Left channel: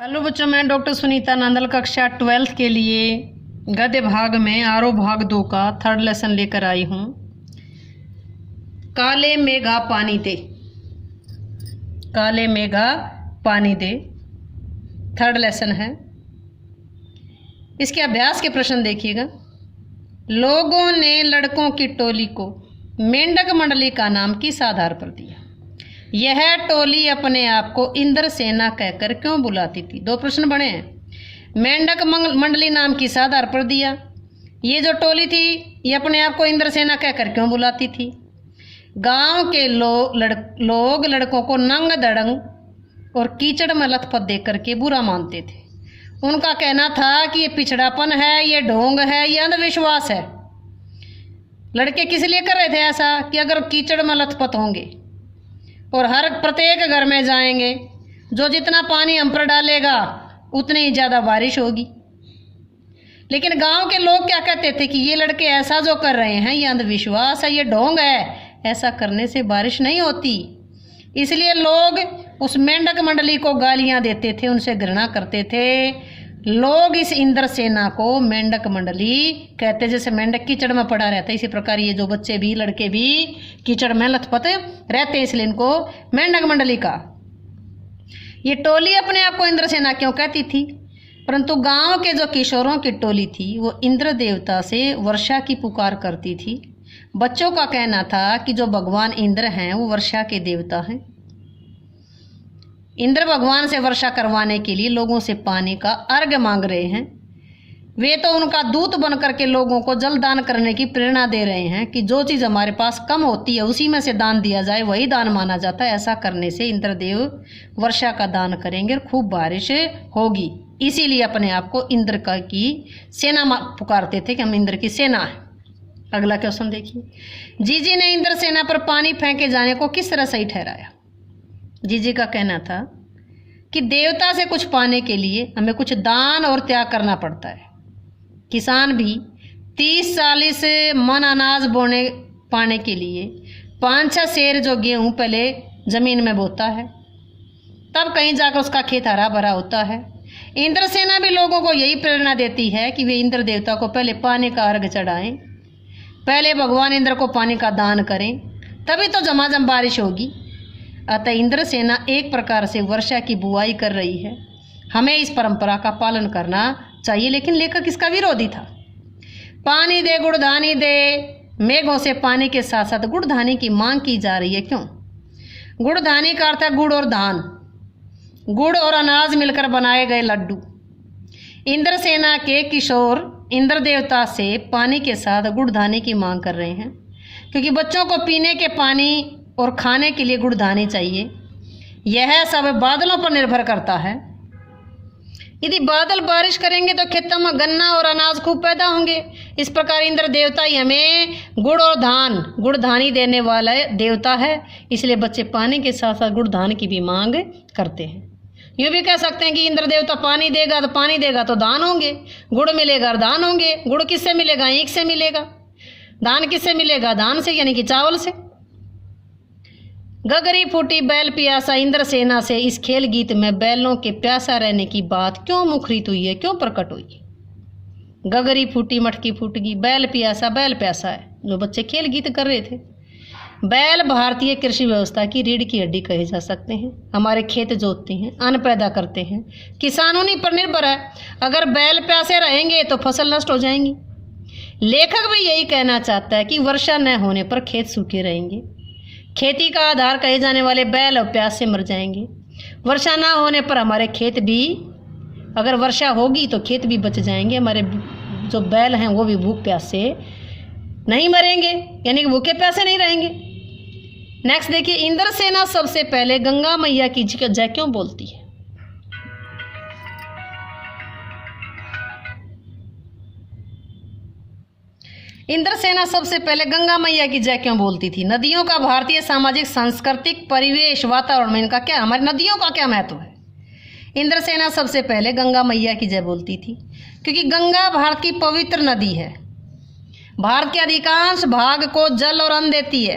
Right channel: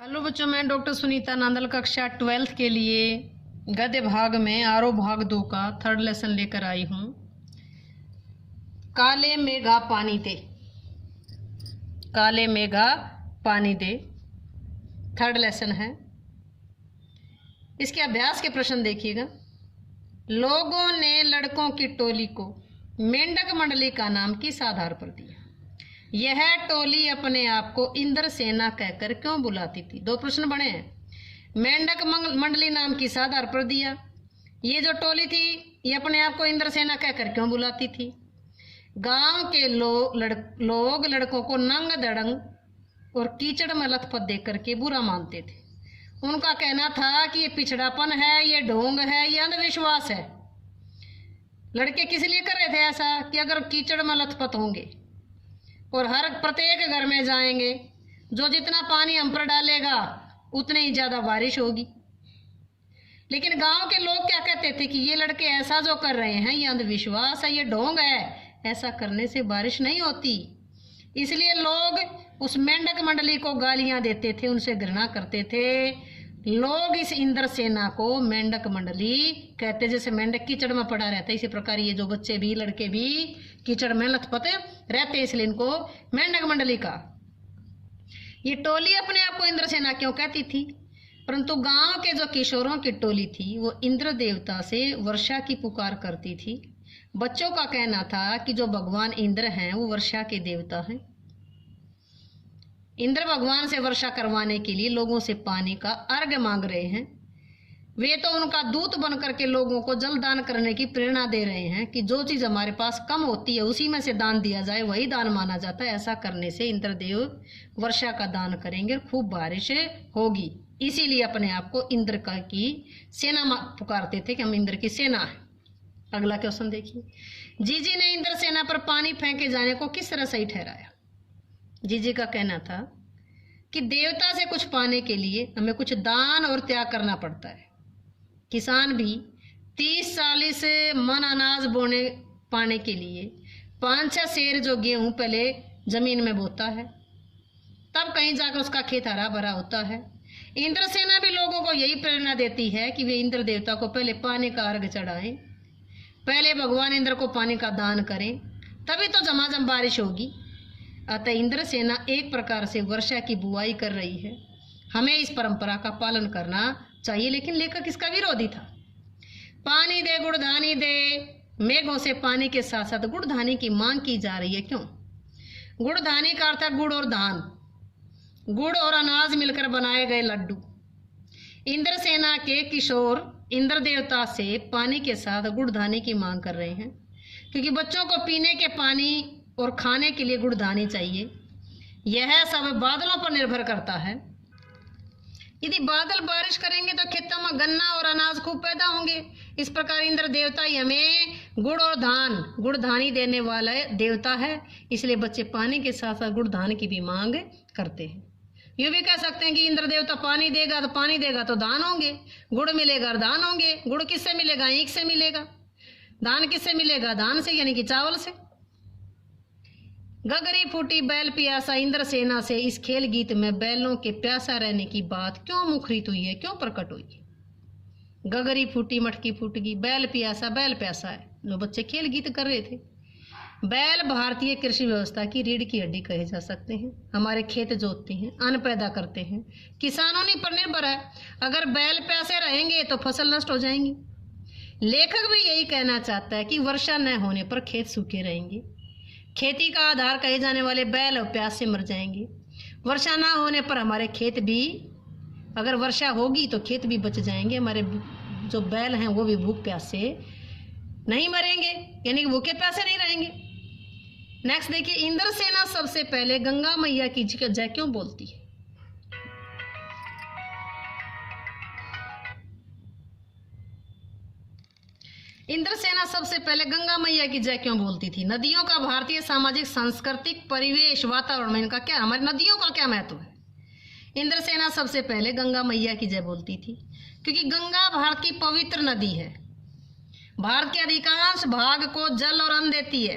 Hello बच्चों, मैं doctor Sunita Nandal कक्षा 12th के लिए गद्य भाग में आरोह भाग 2 का 3rd लेसन लेकर आई हूँ। काले मेघा पानी दे, काले मेघा पानी दे 3rd लेसन है। इसके अभ्यास के प्रश्न देखिएगा। लोगों ने लड़कों की टोली को मेंढक मंडली का नाम किस आधार पर दिया? यह टोली अपने आप को इंद्र सेना कहकर क्यों बुलाती थी? दो प्रश्न बने हैं। मेंढक मंडली नाम किस आधार पर दिया? ये जो टोली थी ये अपने आप को इंद्र सेना कहकर क्यों बुलाती थी? गांव के लोग लड़कों को नंग दड़ंग और कीचड़ में लथपथ देख करके बुरा मानते थे। उनका कहना था कि ये पिछड़ापन है, ये ढोंग है, ये अंधविश्वास है। लड़के किस लिए कर रहे थे ऐसा? कि अगर कीचड़ में लथपथ होंगे और हर प्रत्येक घर में जाएंगे, जो जितना पानी हम पर डालेगा उतनी ही ज़्यादा बारिश होगी। लेकिन गांव के लोग क्या कहते थे कि ये लड़के ऐसा जो कर रहे हैं ये अंधविश्वास है, ये ढोंग है, ऐसा करने से बारिश नहीं होती। इसलिए लोग उस मेंढक मंडली को गालियां देते थे, उनसे घृणा करते थे। लोग इस इंद्र सेना को मेंढक मंडली कहते। जैसे मेंढक कीचड़ में पड़ा रहता है, इसी प्रकार ये जो बच्चे भी लड़के भी कीचड़ में लथपथ रहते, इसलिए इनको मेंढक मंडली का। ये टोली अपने आप को इंद्र सेना क्यों कहती थी? परंतु गांव के जो किशोरों की टोली थी वो इंद्र देवता से वर्षा की पुकार करती थी। बच्चों का कहना था कि जो भगवान इंद्र हैं वो वर्षा के देवता हैं। इंद्र भगवान से वर्षा करवाने के लिए लोगों से पानी का अर्घ्य मांग रहे हैं। वे तो उनका दूत बन करके लोगों को जल दान करने की प्रेरणा दे रहे हैं कि जो चीज़ हमारे पास कम होती है उसी में से दान दिया जाए, वही दान माना जाता है। ऐसा करने से इंद्रदेव वर्षा का दान करेंगे और खूब बारिश होगी। इसीलिए अपने आप को इंद्र का की सेना पुकारते थे कि हम इंद्र की सेना है। अगला क्वेश्चन देखिए। जीजी ने इंद्र सेना पर पानी फेंके जाने को किस तरह सही ठहराया? जीजी का कहना था कि देवता से कुछ पाने के लिए हमें कुछ दान और त्याग करना पड़ता है। किसान भी 30-40 मन अनाज पाने के लिए 5-6 सेर जो गेहूं पहले जमीन में बोता है, तब कहीं जाकर उसका खेत हरा भरा होता है। इंद्र सेना भी लोगों को यही प्रेरणा देती है कि वे इंद्र देवता को पहले पानी का अर्घ चढ़ाएं, पहले भगवान इंद्र को पानी का दान करें, तभी तो झमाझम बारिश होगी। अतः इंद्र सेना एक प्रकार से वर्षा की बुआई कर रही है। हमें इस परंपरा का पालन करना चाहिए। लेकिन लेखक इसका विरोधी था। पानी दे गुड़धानी दे, मेघों से पानी के साथ साथ गुड़धानी की मांग की जा रही है। क्यों? गुड़धानी का अर्थ है गुड़ और धान, गुड़ और अनाज मिलकर बनाए गए लड्डू। इंद्र सेना के किशोर इंद्र देवता से पानी के साथ गुड़धानी की मांग कर रहे हैं, क्योंकि बच्चों को पीने के पानी और खाने के लिए गुड़धानी चाहिए। यह सब बादलों पर निर्भर करता है। यदि बादल बारिश करेंगे तो खेतों में गन्ना और अनाज खूब पैदा होंगे। इस प्रकार इंद्र देवता ही हमें गुड़ और धान, गुड़धानी देने वाला देवता है। इसलिए बच्चे पानी के साथ साथ गुड़धान की भी मांग करते हैं। यूँ भी कह सकते हैं कि इंद्र देवता पानी देगा तो पानी देगा तो दान होंगे, गुड़ मिलेगा और दान होंगे। गुड़ किससे मिलेगा? ईख से मिलेगा। दान किससे मिलेगा? दान से, यानी कि चावल से। गगरी फूटी बैल प्यासा इंद्र सेना से इस खेल गीत में बैलों के प्यासा रहने की बात क्यों मुखरित हुई है, क्यों प्रकट हुई है? गगरी फूटी मटकी फूट गई, बैल प्यासा है जो बच्चे खेल गीत कर रहे थे। बैल भारतीय कृषि व्यवस्था की रीढ़ की हड्डी कहे जा सकते हैं। हमारे खेत जोतते हैं, अन्न पैदा करते हैं, किसानों ने पर निर्भर है। अगर बैल प्यासे रहेंगे तो फसल नष्ट हो जाएंगी। लेखक भी यही कहना चाहता है कि वर्षा न होने पर खेत सूखे रहेंगे। खेती का आधार कहे जाने वाले बैल और प्यास से मर जाएंगे। वर्षा ना होने पर हमारे खेत भी, अगर वर्षा होगी तो खेत भी बच जाएंगे। हमारे जो बैल हैं वो भी भूख प्यास से नहीं मरेंगे, यानी कि भूखे प्यासे नहीं रहेंगे। नेक्स्ट देखिए। इंद्र सेना सबसे पहले गंगा मैया की जय क्यों बोलती है? इंद्र सेना सबसे पहले गंगा मैया की जय क्यों बोलती थी? नदियों का भारतीय सामाजिक सांस्कृतिक परिवेश वातावरण में इनका क्या, हमारी नदियों का क्या महत्व है? इंद्र सेना सबसे पहले गंगा मैया की जय बोलती थी क्योंकि गंगा भारत की पवित्र नदी है। भारत के अधिकांश भाग को जल और अन्न देती है।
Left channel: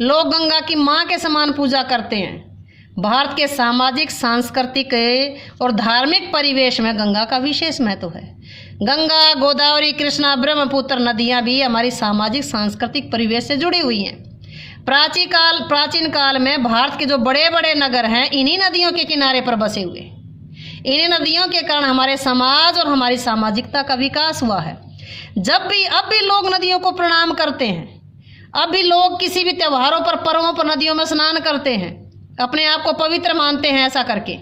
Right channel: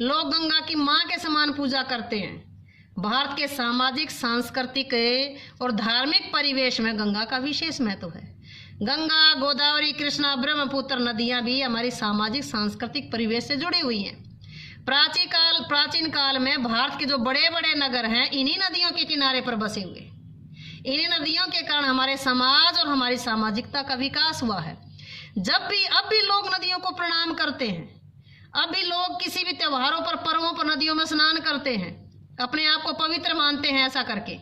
लोग गंगा की माँ के समान पूजा करते हैं। भारत के सामाजिक, सांस्कृतिक और धार्मिक परिवेश में गंगा का विशेष महत्व है। गंगा, गोदावरी, कृष्णा, ब्रह्मपुत्र नदियां भी हमारी सामाजिक, सांस्कृतिक परिवेश से जुड़ी हुई हैं। प्राचीन काल में भारत के जो बड़े बड़े नगर हैं इन्हीं नदियों के किनारे पर बसे हुए। इन्हीं नदियों के कारण हमारे समाज और हमारी सामाजिकता का विकास हुआ है। अब भी लोग नदियों को प्रणाम करते हैं। अब भी लोग किसी भी त्योहारों पर, पर्वों पर नदियों में स्नान करते हैं, अपने आप को पवित्र मानते हैं। ऐसा करके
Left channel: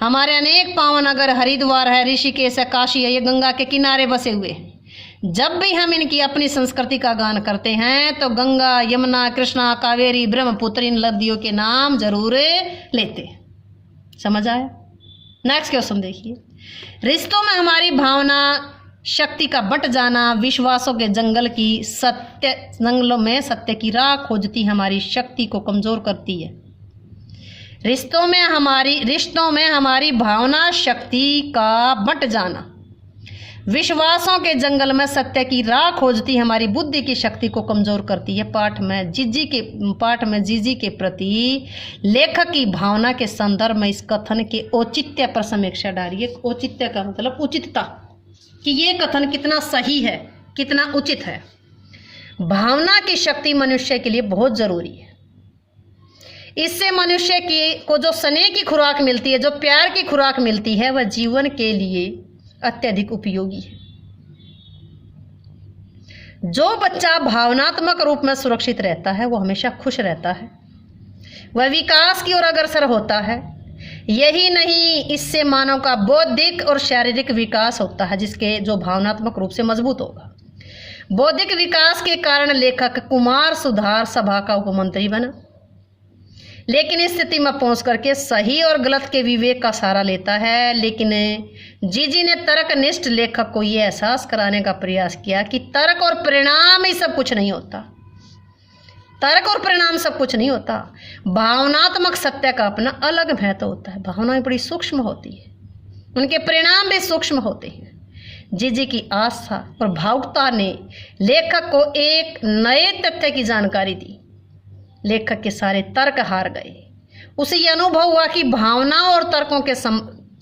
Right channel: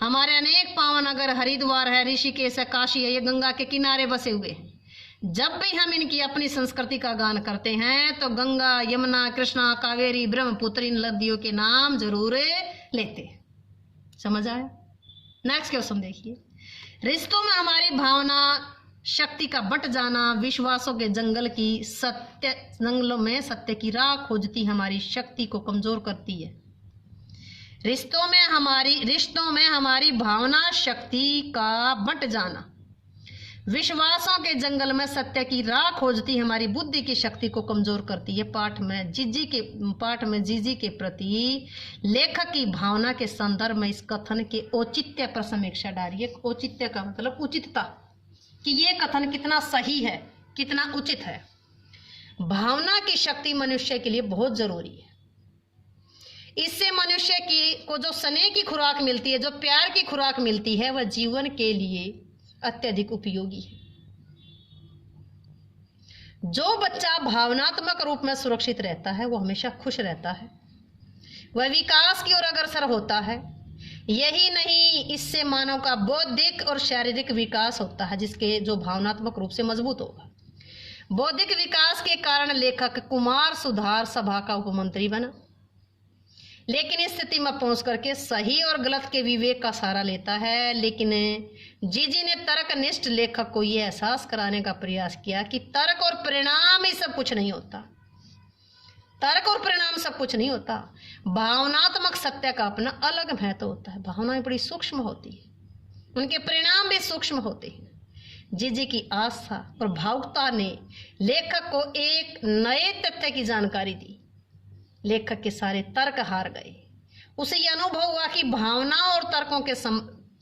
हमारे अनेक पावन नगर, हरिद्वार है, ऋषिकेश है, काशी है, ये गंगा के किनारे बसे हुए हैं। जब भी हम इनकी अपनी संस्कृति का गान करते हैं तो गंगा, यमुना, कृष्णा, कावेरी, ब्रह्मपुत्र इन नदियों के नाम जरूर लेते हैं। समझ आया? नेक्स्ट क्वेश्चन देखिए। रिश्तों में हमारी भावना शक्ति का बंट जाना विश्वासों के जंगलों में सत्य की राह खोजती हमारी शक्ति को कमजोर करती है। रिश्तों में हमारी भावना शक्ति का बंट जाना विश्वासों के जंगल में सत्य की राह खोजती हमारी बुद्धि की शक्ति को कमजोर करती है। पाठ में जीजी के प्रति लेखक की भावना के संदर्भ में इस कथन के औचित्य पर समीक्षा डालिए। औचित्य का मतलब उचितता, कि ये कथन कितना सही है, कितना उचित है। भावना की शक्ति मनुष्य के लिए बहुत जरूरी है। इससे मनुष्य को जो स्नेह की खुराक मिलती है, जो प्यार की खुराक मिलती है, वह जीवन के लिए अत्यधिक उपयोगी है। जो बच्चा भावनात्मक रूप में सुरक्षित रहता है वो हमेशा खुश रहता है, वह विकास की ओर अग्रसर होता है। यही नहीं, इससे मानव का बौद्धिक और शारीरिक विकास होता है, जिसके जो भावनात्मक रूप से मजबूत होगा। बौद्धिक विकास के कारण लेखक कुमार सुधार सभा का उपमंत्री बना, लेकिन इस स्थिति में पहुंच करके सही और गलत के विवेक का सहारा लेता है। लेकिन जीजी ने तर्कनिष्ठ लेखक को यह एहसास कराने का प्रयास किया कि तर्क और परिणाम ही सब कुछ नहीं होता। तर्क और परिणाम सब कुछ नहीं होता। भावनात्मक सत्य का अपना अलग महत्व होता है। भावनाएं बड़ी सूक्ष्म होती है, उनके परिणाम भी सूक्ष्म होते हैं। जीजी की आस्था और भावुकता ने लेखक को एक नए तथ्य की जानकारी दी। लेखक के सारे तर्क हार गए। उसे यह अनुभव हुआ कि भावनाओं और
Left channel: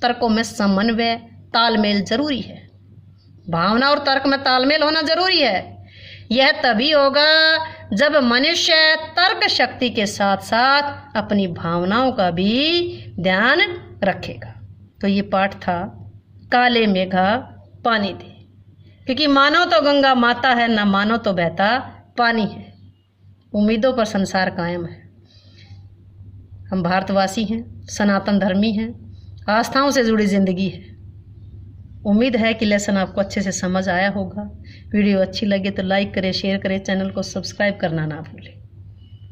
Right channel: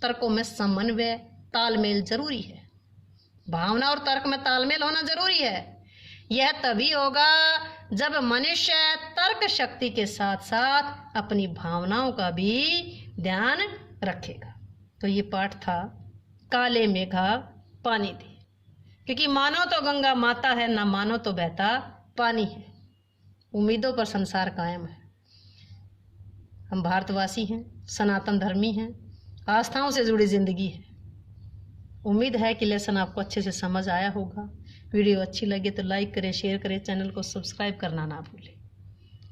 तर्कों में समन्वय, तालमेल जरूरी है। भावना और तर्क में तालमेल होना जरूरी है। यह तभी होगा जब मनुष्य तर्क शक्ति के साथ साथ अपनी भावनाओं का भी ध्यान रखेगा। तो ये पाठ था काले मेघा पानी दे, क्योंकि मानो तो गंगा माता है, ना मानो तो बहता पानी है। उम्मीदों पर संसार कायम है। हम भारतवासी हैं, सनातन धर्मी हैं, आस्थाओं से जुड़ी जिंदगी है। उम्मीद है कि लेसन आपको अच्छे से समझ आया होगा। वीडियो अच्छी लगे तो लाइक करें, शेयर करें, चैनल को सब्सक्राइब करना ना भूलें।